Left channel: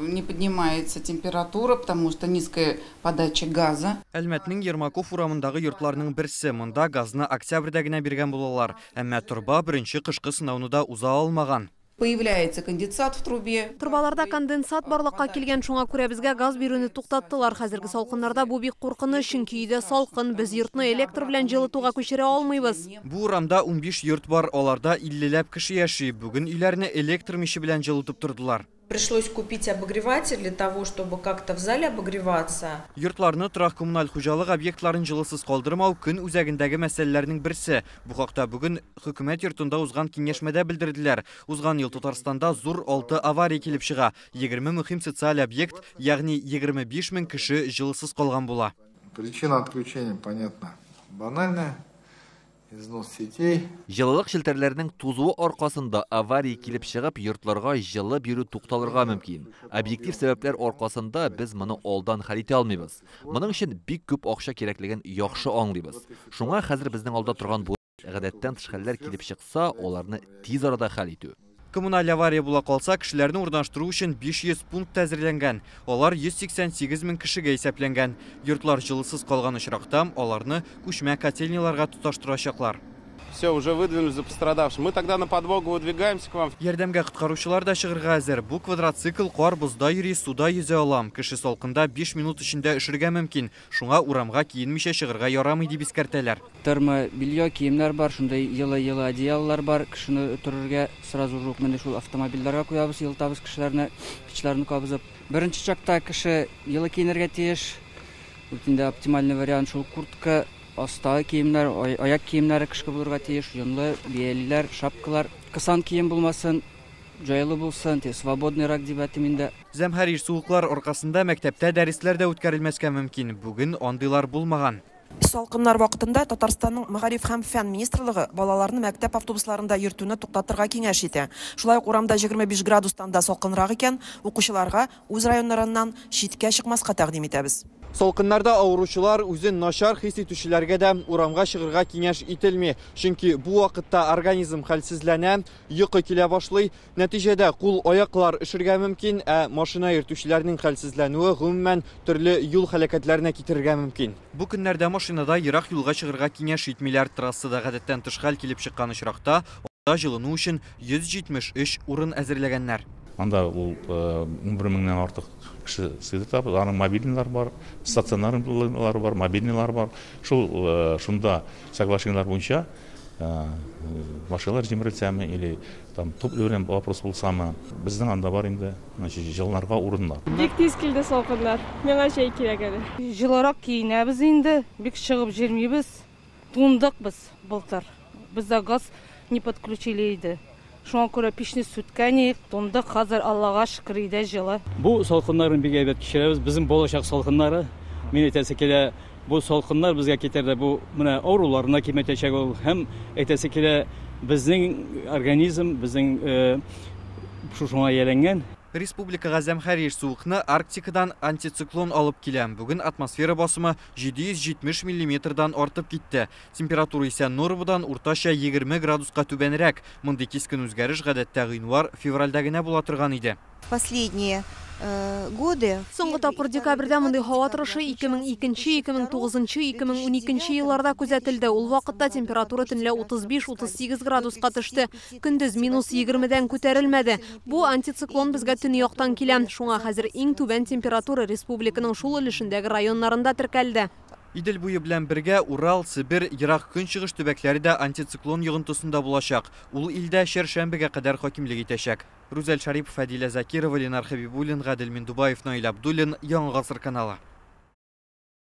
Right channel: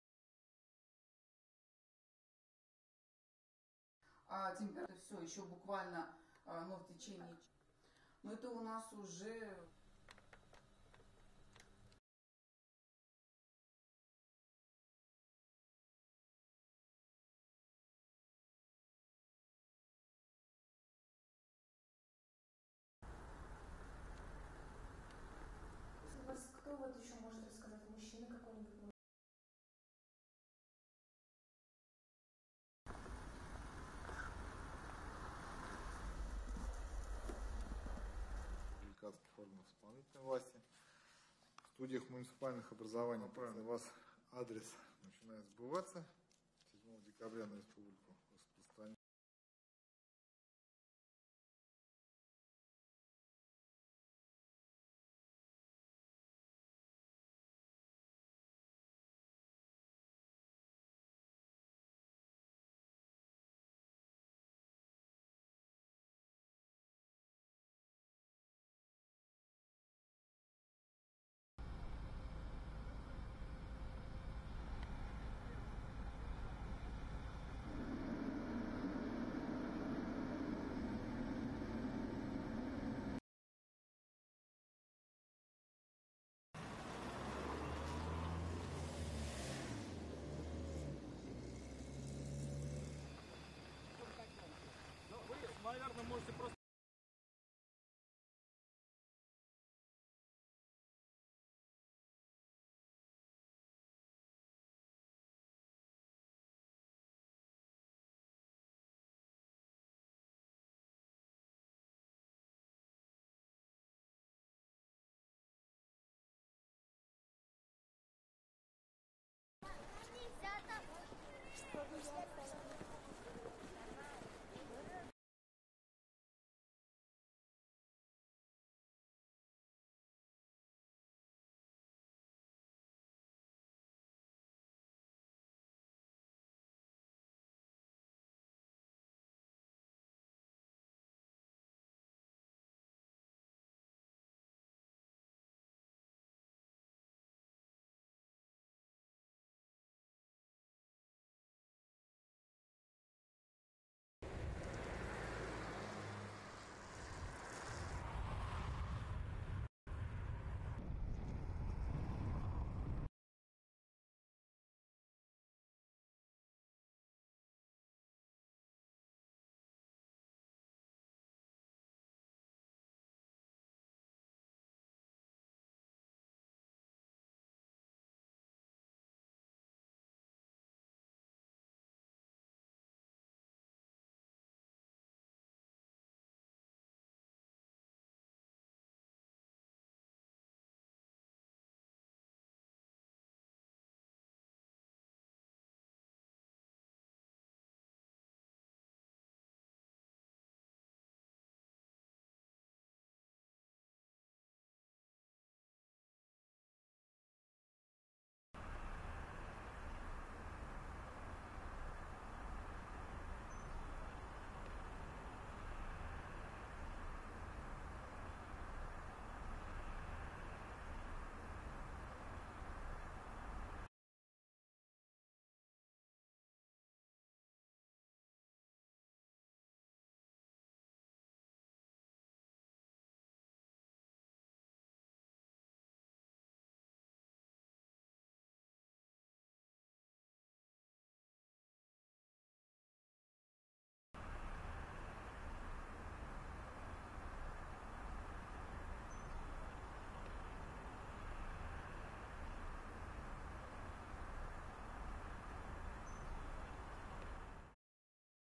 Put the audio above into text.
не поднимается температура, потому что низкая подача газа. Әлмәтнең Ермаков урамындагы йортларның берсе, монда газны октябрьдә генә биргән булалар. Әмма турба беренче кышкы сынауны да уза алмаган. Появляется конденсат в трубе. Турбаларда конденсат барлыкка килгән, шуңа күрә безгә газ бирүне туктаттылар. Хәзерге салкыннарда бу бик куркыныч, чөнки өйдә салкын, без йортны электр белән җылытуга күчерә алмыйбыз. Бу урамда 15 йорт бар, аларда 50ләп кеше яши. Бүген өйләрне электр миче белән җылытып тордылар. Пришлось купить обогреватель для того, чтобы как-то в зале обогреваться. Йортларны торак коммуналь хуҗалык объектларын җылысыз калдырмау көн үзәгендәге мәсьәләләрнең берсе. Бу хакта бүген хөкүмәт йортында узган киңәшмәдә белдерделәр. Узган ел Татарстанда зур 6 авария килеп чыга. 20 мөһим социаль объект, ягъни 25 мең кеше җылысыз калган була. Причина отключения понятна. Банальная. Износ сетей. Жылылык шелтерләренең тузуы аркасында авария килеп чыгып, йортларга җылы бирү тукталырга мөмкин. Объектив сәбәпләр аркасында без моны алдан хәл итә алмыйбыз. Моның өчен бик күп акча кирәклеген яхшы аңлыйбыз. Шуңа хәзер безнең алда торган бу гадәттән тыш хәлләр килеп чыкса, аларны тиз арада хәл итү. Коммуналь авария була калса, кешеләрне урнаштыру өчен 500 пункт әзерләнгән. Алар 188 мең кешегә исәпләнгән. Йортлар җылысыз калган очракта аларны күчмә котельняларга тоташтырачаклар. Все, уже выдвинулись за пострадавшим. Мы тогда на подмогу выдвигаемся к вам. Ярдәмгә коткаручылар да чыгырга әзер. Бу квадроцикл кар бозда йөри, суда йөзә алам. Кеше салкында 5 минут эчендә эшергә мөмкин. Шуңа урамга киенмичә чыгырга ярамый дип искәртәләр. Термобелье киемнәр бар, шундай йылы одеяллар бар. Кешене төрергә сразу ук менә шул автомобильләргә куябыз, йылтабыз кешеләрне, печләрне кабызып. Беренче чакта кеше йылы киенергә тиеш. Инде оптимальный вариант шул куртка, астагы киемнәр, аяк киемнәре кышкы булырга тиеш, йонлы биялиләр, шапкалар, кысан кием булмасын, җайлы булсын, свободныйрак дип әйтим инде. Зәмһәр суыклар аркасында мәктәптә дәресләр дә үткәрелмәскә мөмкин. Бүген андыйлар булмаган. Салкыннар вакытында Татарстанның Мәгариф һәм фән министрлыгы балаларны мәктәп автобусларында йөртүне туктатырга киңәш итә. Шулай ук урамда 25 градустан да салкынрак икән, укучыларга үз районнарыннан читкә чыкмаска тәкъдим итәбез. Салкыннарда авыручылар үзен начар хис итүчеләргә дә урамга чыгырга киңәш ителми. Чөнки бу вакытта организм хәлсезләнә, йокы килә башлый. Нәтиҗәдә кул-аяклар эшергә мөмкин, ә машина йөртүчеләрнең хәлсезләнүе гомумән төрле юл һәлакәтләренә китерергә мөмкин. Бу көннәрдә машинада ерак юлга чыгырга киңәш итмиләр. Трассада гадәттән тыш хәл килеп чыккан очракта анда җылыну өчен 173 урын әзерләгәннәр. Анда ул 11 меңнән артык кеше сыйдыртабыз. Аның мобильныйлар бар, стационарлар бар, мобильныйлар бар. Шунда соглашениелар буенча машиналар җимерелсәме или там топ өрән вопрос булсамы, безнең анда бар инде, җылынырга урыннар. Бик тиз килде салкыннар. Миңа шәй кирәк әле. Җылырак киенәбез инде, бик чыгып җирмибез. Тундык без былтыр. Бездә газ не подключили иде. Шуңа күрә печне сүткән, тундык, хәзер Аллага шөкер иде җылы. Бу салкыннарны бик әйбәт кичерәбез. Безнең болашак салкыннары. Мин әйтәсе килә, бу салкыннар безгә китерде. Бу менә авыруларына киметәчәк ул. Һәм әйтәсе килә, безнең организм, безнең шуңа яләнгән. Республикага зәмһәр суыкны Арктикадан антициклон алып килә. Бүген атмосфера басымы 770 мм артып китте. Температура исә нормадан уртача 20 градуска түбәнрәк. Мондый кискен үзгәреш гадәттә гыйнвар-февральдә генә була торган иде. Последние годы. Соңгы тапкыр декабрьдә мондый һава торышы 2002, 2009, 2012 елларда күзәтелде. Ул вакытта температура төнлә 35-38 градуска төште. Көндез -20-дән күтәрелмәде. Бу антициклон безгә төньяктан килә. Шуңа хәзер иң түбән температура республиканың шул өлешендәге районнарында теркәлде. Идел буе белән бергә Урал, Сибир, Ерак көнчыгыш төбәкләре дә антициклон йогынтысында булачак. Ул илдә чәршәмбегә кадәр хакимлек итәчәк. Рузель Шарипов, Фадилә Закирова, Ленар Хабибуллин, Гадел Миндубаев, Наил Абдуллин, Яңа Гасыр каналы.